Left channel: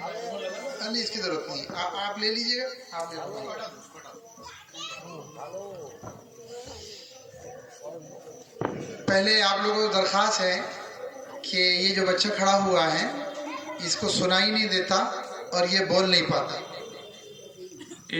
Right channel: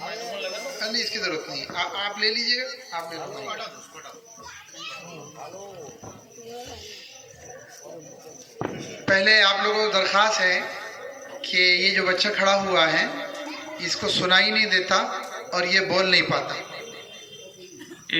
नहीं, इसकी जरूरत नहीं, आप ले लीजिएगा, आप ले लीजिएगा। पहले आप लोगों को दरख्वास्त है कि ये जो बच्चा खड़ा हुआ है इसको सुनाई नहीं देता और ये बोल नहीं पाता।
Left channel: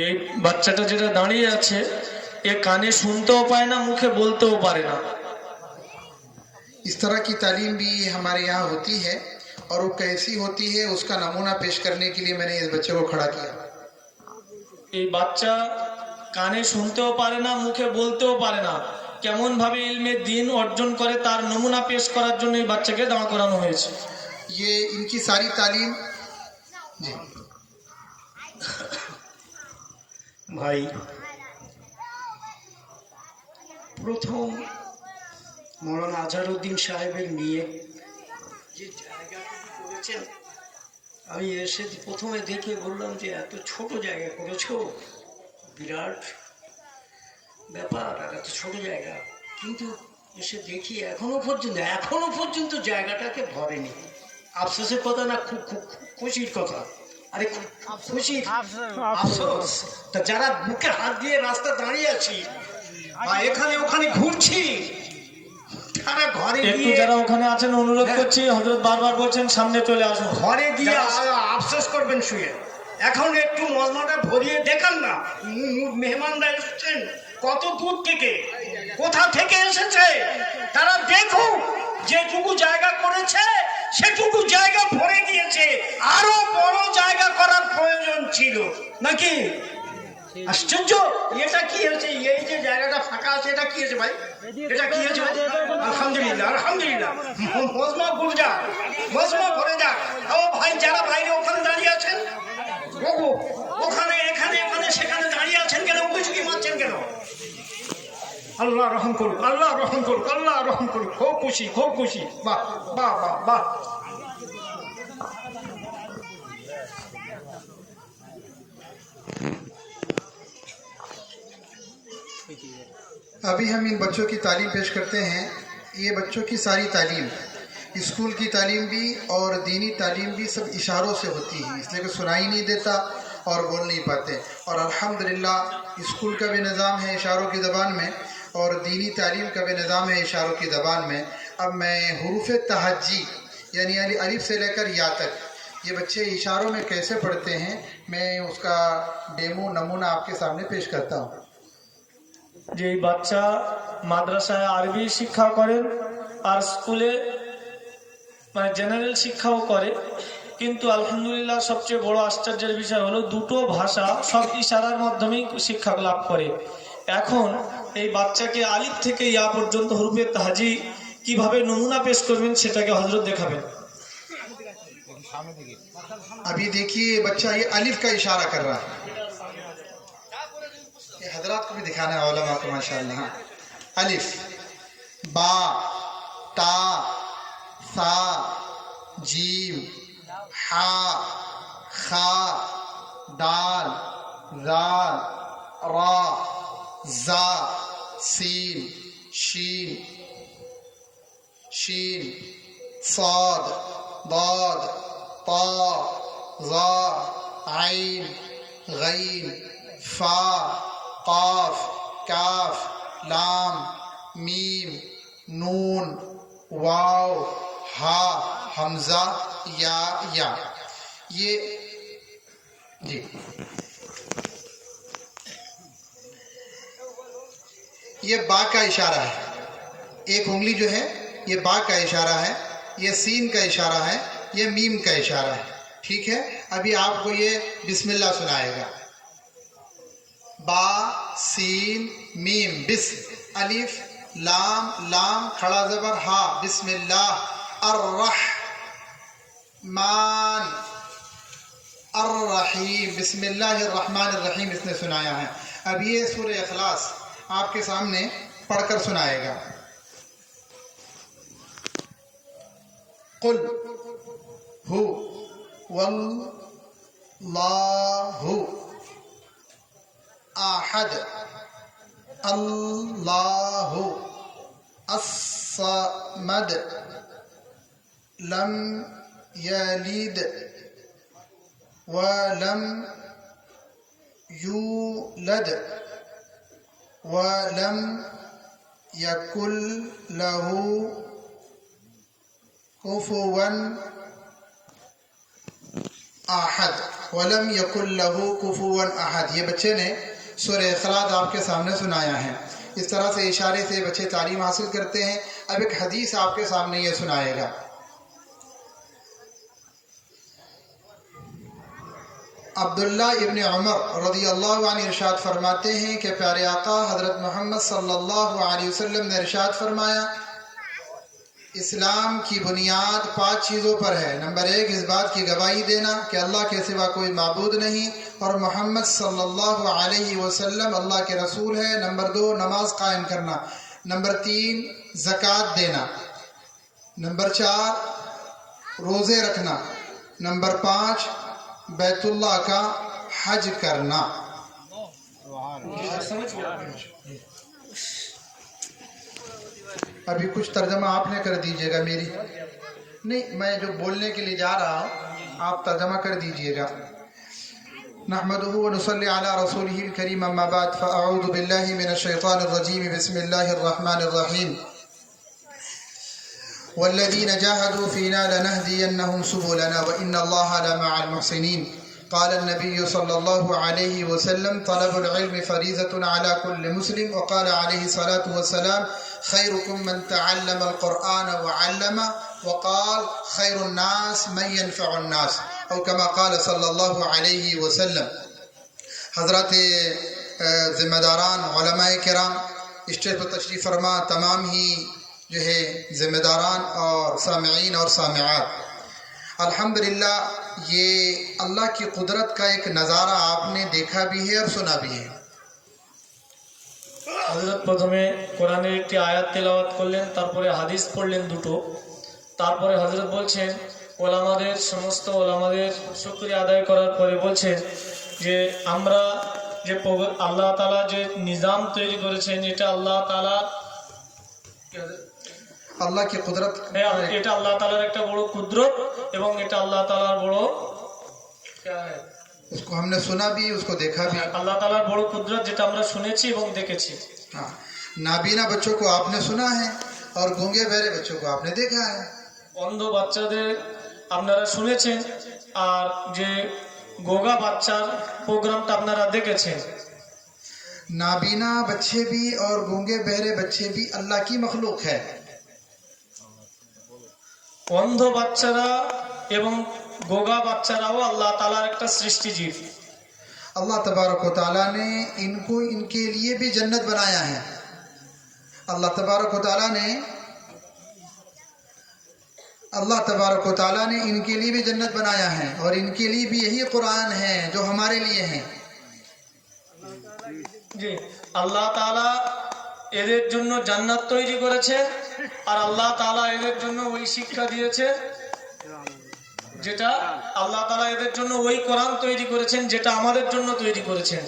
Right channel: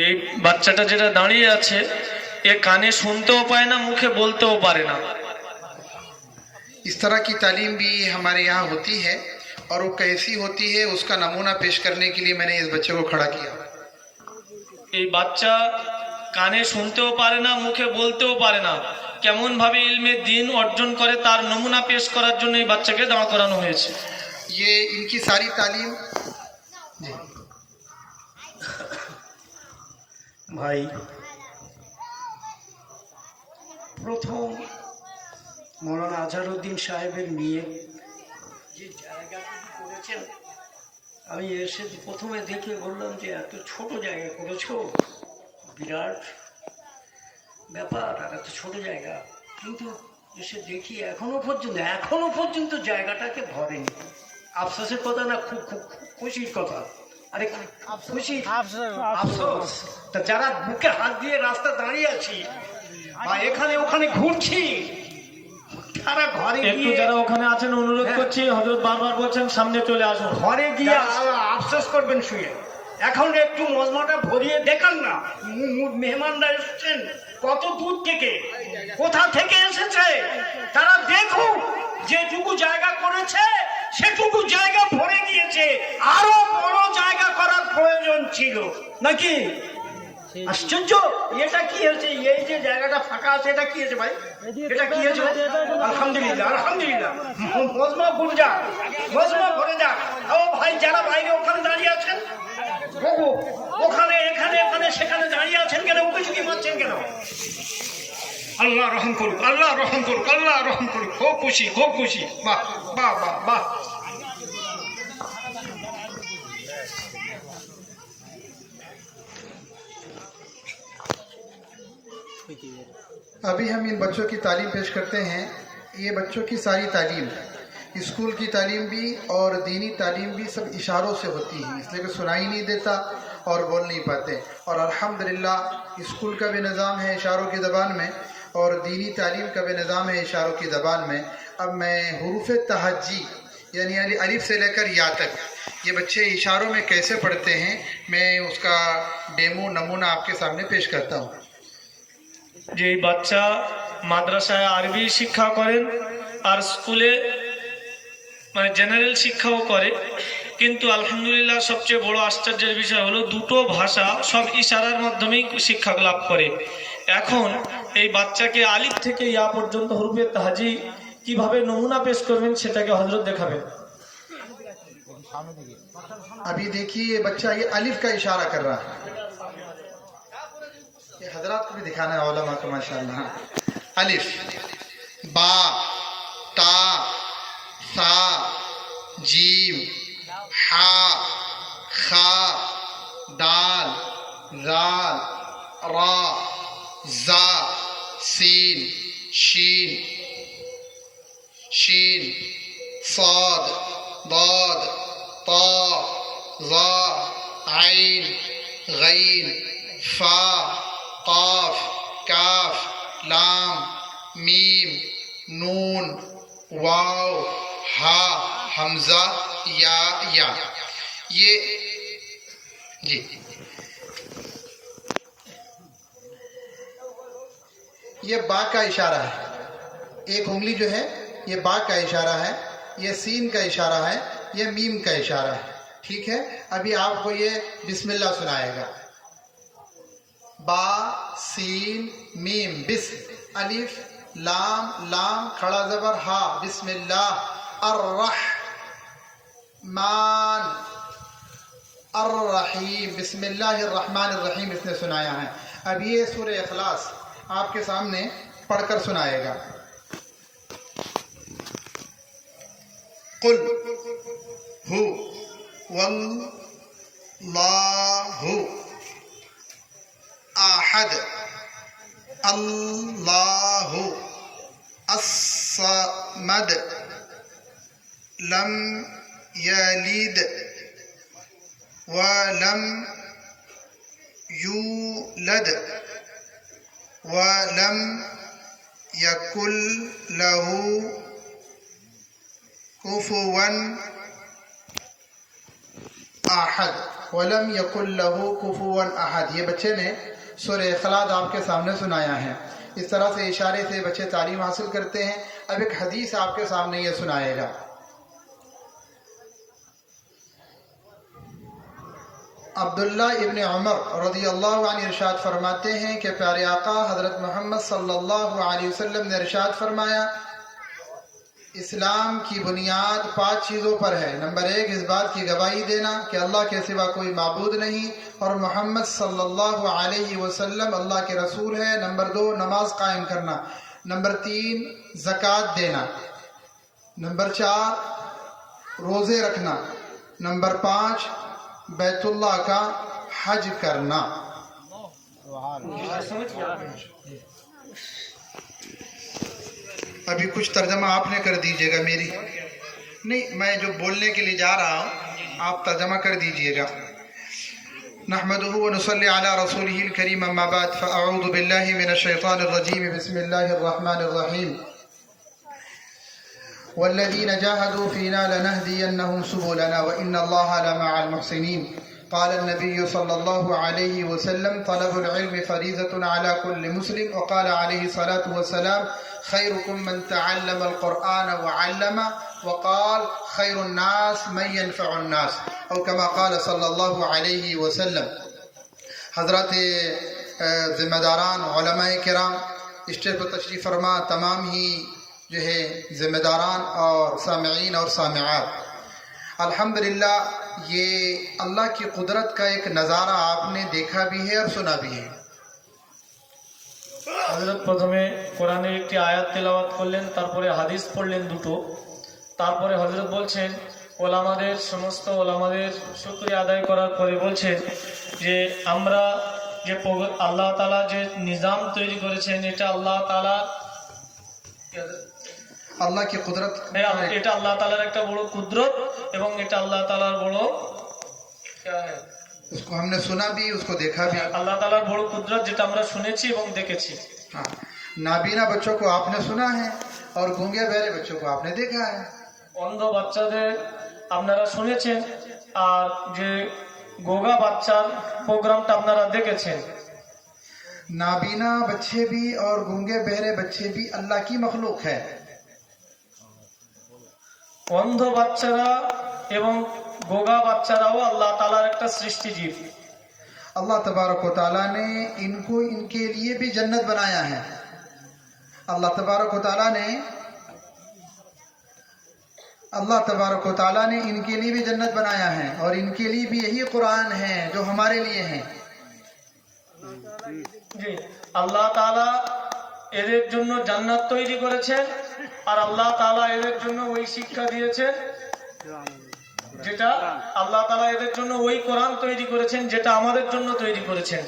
এই বাচ্চাটা যেটা দাঁড়িয়ে আছে এ কানে শুনতেও পায় না, মুখে বলতেও পারে না। इस तरह की तालीम भी हमारे यहाँ होती है और वो कैसी होती है उसका नमूना पेश करने के लिए मैंने इस बच्चे को खड़ा किया। এই বাচ্চা কানে শুনতেও পারে না, মুখে বলতেও পারে না, কেমন ভাবে ইলমে দ্বীন অর্জন করে তার নমুনা পেশ করার জন্য এই বাচ্চাকে দাঁড় করানো হয়েছে। ये इनकी सारी तालीम जी ভাই, প্রথম মৌলানা আজহারউদ্দিন সাহেবের মেয়ে যে জায়গাটুকু করেছেন, আমি এসে প্রথমে দেখে বললাম যে এত ছোট জায়গা করেছো, বিরাট ব্যাপার, আর এত ছোট জায়গা। কিন্তু এসে দেখি এখনো পর্যন্ত জায়গাটাকে ভরেনি। আফসোসের কথা না, খুব খুব খুশির কথা। আরে খুশি আফসোস, তা যারা বুকে হাত দিয়ে রাস্তা দাঁড়িয়ে আছি বা এখানে ওখানে ঘুরছি, তারা ঘরে গিয়ে, যারা ওখানে আছেন অনুরোধ করছি, হযরত বারবার বলছেন সামনে চলে আসুন, ঘরে গিয়ে আফসোস করবেন শুয়ে। এখন একটু মজমাটা ভরিয়ে দেখান না। মেহমানরা এসেছেন কত দূর থেকে, কোথা থেকে এসেছে, তারা দেখুক যেটুকু জায়গা করেছে সেটুকু জায়গা ভরে গিয়েছে, আরো বড় জায়গা করার প্রয়োজন ছিল নাকি? আশ্চর্য, এটা কি হয়েছে? এই যে জায়গাটা ফাঁকা আছে, এটা কি হয়েছে ভাই? এটা কি হয়েছে ভাই? আলহামদুলিল্লাহ, আলহামদুলিল্লাহ। মজমা ভরে যা, মজমা ভরে যা। ও ভাই, যারা বাইরে ওখানে দাঁড়িয়ে আছেন, ওখানে এখানে এখানে সেখানে দাঁড়িয়ে আছেন কেন? ওকে চুকি মারছেন কেন? আল্লাহ রহম করুক, আল্লাহ রহম করুক, আল্লাহ রহম করুক। খুব খুশি, খুব খুশি। বাহ বাহ বাহ বাহ। अभी हम इन बच्चों की तालीम पेश करते हैं। ये बच्चों की सारी तालीम, स्कूल की तालीम भी और दीनी तालीम भी सब इशारों से होती है, इसलिए कि सुनाई नहीं देता और बोल नहीं पाते। और अल्हम्दुलिल्लाह स्कूल का भी निज़ाम है इशारों की ज़बान में और दीनी तालीम का भी निज़ाम है इशारों की ज़बान में। अब मैं हुरूफ तहज्जी यानी अलिफ से लेकर या तक ये बच्चे इशारों में कैसे पढ़ते हैं, मैं उसका डेमो नमूना आपके सामने पेश करता हूँ। যে বাচ্চা মাদ্রাসায় আরবি শিক্ষা করেন আর স্কুলে মানে জেনারেল শিক্ষাও করে, কিন্তু আলহামদুলিল্লাহ সবচেয়ে বড় আশ্চর্যের বিষয় হলো দুটো ভাষা সব ইশারার মাধ্যমেই শিক্ষা লাভ করে। এখন এই বাচ্চাকে আলিফ থেকে ইয়া পর্যন্ত হরফে তাহজি কিভাবে নমুনা পেশ করবেন সেটাকে হযরত দেখাবেন। अभी देखिए ये बच्चा ये अलिफ का इशारा कर रहा है, ये हजरात को भी दिखाना है उलमा को माशाअल्लाह। हाँ, अलिफ, बा, ता, सा, जीम, हा, खा, दाल, जाल, रा, जा, सीन, शीन, शीन, साद, दाद, ता, ज़ा, आइन, गैन, फा, काफ, काफ, लाम, मीम, नून, वाव, हा, हमजा, या। ये जी ये बा का इशारा है, एक उंगली जो है ये बा का इशारा है, ये सीन का इशारा है, ये मीम का इशारा है। ठीक है, अभी आपको ये बिस्मिल्लाह सुनाएगा। बा, सीन, मीम, बिस्म, अलिफ, लाम, लाम, खड़ा ज़बर, हा, बिस्मिल्लाह, अर्रहमान, अर्रहीम, बिस्मिल्लाहिर्रहमानिर्रहीम इसने सुनाया है। अब ये सूरह इखलास आपके सामने पढ़कर सुनाएगा। कुल हु वल्लाहु आहद अल्लाहु अस्समद लम यलिद वलम यूलद वलम यकुल लहू कुफुवन अहद। वलम यकुल लहू कुफुवन अहद, ये बच्चे ने सूरह इखलास आपके सामने सुनाया है। इस तरह से इशारे से बच्चे तालीम हासिल करते हैं। अब एक हदीस आपके सामने ये सुनाएगा। अब्दुल्ला इब्न उमर रज़ियल्लाहु अन्हु इरशाद फरमाते हैं कि प्यारे आका हज़रत मोहम्मद सल्लल्लाहु अलैहि वसल्लम ने इरशाद फरमाया, इस्लाम की बुनियाद 5 चीज़ों पर है। नंबर 1, इस बात की गवाही देना कि अल्लाह के सिवा कोई माबूद नहीं और मोहम्मद सल्लल्लाहु अलैहि वसल्लम अल्लाह के रसूल है। नंबर 2, नमाज कायम करना। नंबर 3, ज़कात देना। नंबर 4, रोज़े रखना। नंबर 5, बैतुल्लाह का हज करना। अभी कुछ तर्जमा आपने कर दीजिएगा, मेरी नहीं, मैं जो बोलने के लिए जा रहा हूँ आप तर्जमा कर दीजिएगा। नहमदुहु व नुसल्ली अला रसूलिहिल करीम, अम्मा बाद, फ़अऊज़ु बिल्लाहि मिनश शैतानिर रजीम, बिस्मिल्लाहिर रहमानिर रहीम। वल्लज़ीना जाहदू फ़ीना लनहदियन्नहुम सुबुलना व इन्नल्लाहा लमअल मुहसिनीन। क़ाल अन्नबिय्यु सल्लल्लाहु अलैहि वसल्लम, तलबुल इल्मि फ़रीज़तुन अला कुल्लि मुस्लिम। व क़ाल अलैहि सलातु वस्सलाम, खैरुकुम मन तअल्लमल क़ुरआन व अल्लमा। व क़ाल खैरुन नास मन यनफ़उन नास, औ कमा क़ाल सल्लल्लाहु अलैहि वसल्लम। हज़रत ज़िम्मेदारान उलमाए किराम, स्टेज पर तशरीफ़ फरमा, तमाम ही जो है ज़िम्मेदारान और सामिईन और सामिआत, अल्हम्दुलिल्लाह ये अल्लाह की कुदरत का एक नज़ारा आपने देखा भी है और सुना भी है। হযরত প্রথমে কোরআনের একটি আয়াত তেলাওয়াত করলেন, তারপরে হাদিস পড়লেন দুটো। তারপরে হযরত বলছেন ওলামাদের, সমস্ত ওলামাদের শুকরিয়া আদায় করার পরে বলছেন যে আমরা যে আল্লাহ তাআলা যে নিজাম তৈরি করেছেন, এটা আল্লাহ তাআলা, अल्लाह की कुदरत, এটা আল্লাহ তাআলার একটা বড় কুদরত এবং এটা আল্লাহ তাআলার বড় उसको हमने सुना भी, उसको देखा भी। আল্লাহ তাআলার বড় কুদরত যেটা আমরা শুনেছি এবং দেখেছি। हाँ, नाबीना बच्चों को आपने सुना है और गूंगे बहरे बच्चों को आपने देखा है। অন্ধ বাচ্চাদের আপনারা শুনেছেন আর যে গোগা বাচ্চার প্রোগ্রামটা আপনারা দেখেছেন। नाबीना बच्चे भी और गूंगे बहरे बच्चे भी अल्लाह की मखलूक है। অন্ধ বাচ্চারা এবং গোগা বাচ্চারাও আল্লাহ তাআলার একটা সৃষ্টিজীব। अल्लाह तबारक व तआला ने इनको, इनके लिए भी जन्नत बनाया है। अल्लाह तबारक व तआला ने इनके लिए भी जन्नत बनाया है और इनके लिए भी यही कुरान है जो हमारे लिए है। জি, আল্লাহ তাআলা এদের জন্য জান্নাত তৈরি করেছেন আর আল্লাহ তাআলা এদের জন্য ওই শিক্ষা দিয়েছেন যেটা আল্লাহ তাআলা এদের জন্য ওই কোরআন তৈরি করেছেন যেটা আমাদের জন্য তৈরি করেছেন।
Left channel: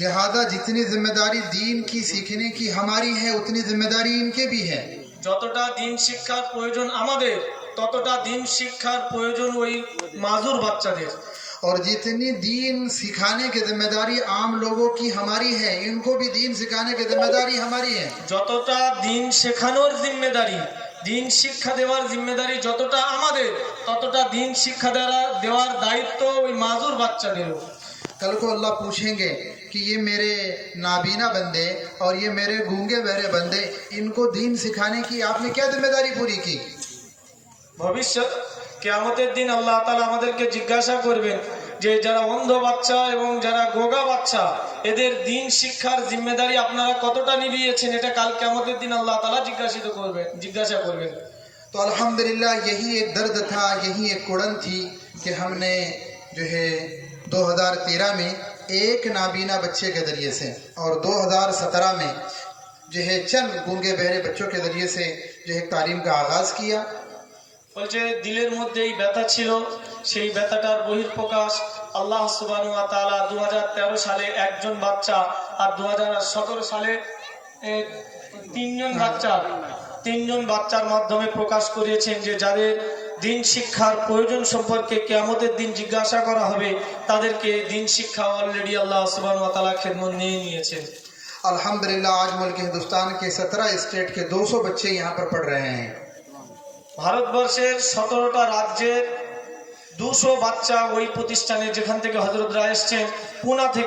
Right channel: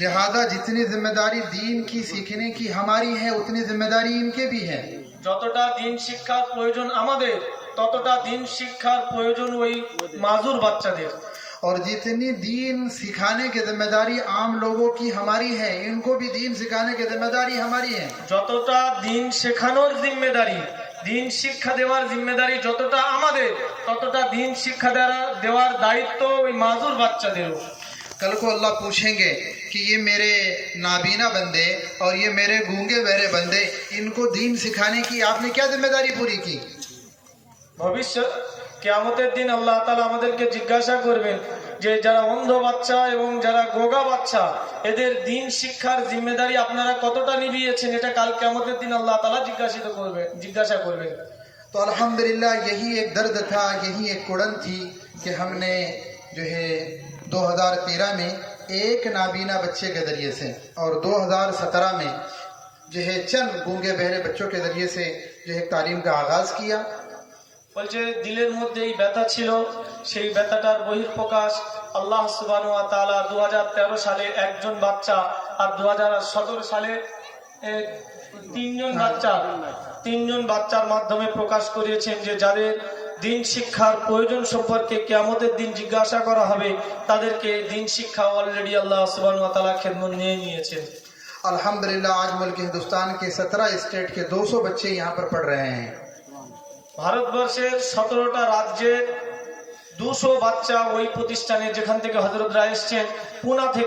लिहाजा जितनी जिम्मेदारी दीन की सीखने की हमारी है उतनी जिम्मेदारी इनके भी है। যতটা দিন শিক্ষার প্রয়োজন আমাদের, ততটা দিন শিক্ষার প্রয়োজন ওই মাজুর বাচ্চাদের। और जितनी दीन सिखाने की जिम्मेदारी आम लोगों की हमारी है, इनको भी दीन सिखाने की जिम्मेदारी हमारी है। যতটা দিন শেখানোর জিম্মেদারি, দিন শিক্ষা দেওয়ার জিম্মেদারি যতটা আমাদের, ততটা দিন শিক্ষা দেওয়ার দায়িত্ব ওই মাজুর বাচ্চাদেরও। कल को अल्लाह पूछेंगे कि ये मेरे नाबीना बंदे और ये मेरे गूंगे बहरे बंदे, इनको दीन सिखाने की आपने क्या जिम्मेदारी पूरी की। ভবিষ্যৎ কিয়ামতের দিন আল্লাহ তাআলা আমাদেরকে জিজ্ঞাসা করবেন যে যারা অন্ধ বাচ্চা এবং যারা গোগা বাচ্চা, এদের দিন শিক্ষার জিম্মেদারি আপনারা কতটা নিভিয়েছেন, এটা কাল কিয়ামতের দিন আল্লাহ তাআলা জিজ্ঞাসা করবেন। तो अल्हम्दुलिल्लाह यही एक दर्द था, यही एक कुड़न थी कि हमने जो है 2013 में एक नाबीना बच्चे के ज़रिए से और 2017 में जो है चंद गूंगे बहरे बच्चों के ज़रिए से जो है तालीम का आगाज़ किया। বলছে দিলের মধ্যে এই ব্যথা ছিল, সেই ব্যথাটার বহিঃপ্রকাশ আল্লাহ সুবহানাহু ওয়া তাআলা 2013 সালে একজন বাচ্চা আর 2017 সালে তিনজন বাচ্চার মাধ্যমে প্রকাশ করিয়েছেন যে যাদের দিন শিক্ষার প্রয়োজন সম্পর্কে কিয়ামতের দিন জিজ্ঞাসা করা হবে, তাদেরকে দিন শিক্ষা অলরেডি আল্লাহ সুবহানাহু ওয়া তাআলা খেদমত নিয়ে নিয়েছেন। अल्हम्दुलिल्लाह आज मुल्क हिंदुस्तान के 17 स्टेट के 200 बच्चे यहाँ पर पढ़ रहे हैं। ভারতবর্ষের 17টা রাজ্যের 200 বাচ্চা ওই প্রতিষ্ঠানে, যেখান থেকে হযরতরা এসেছেন, পুনা থেকে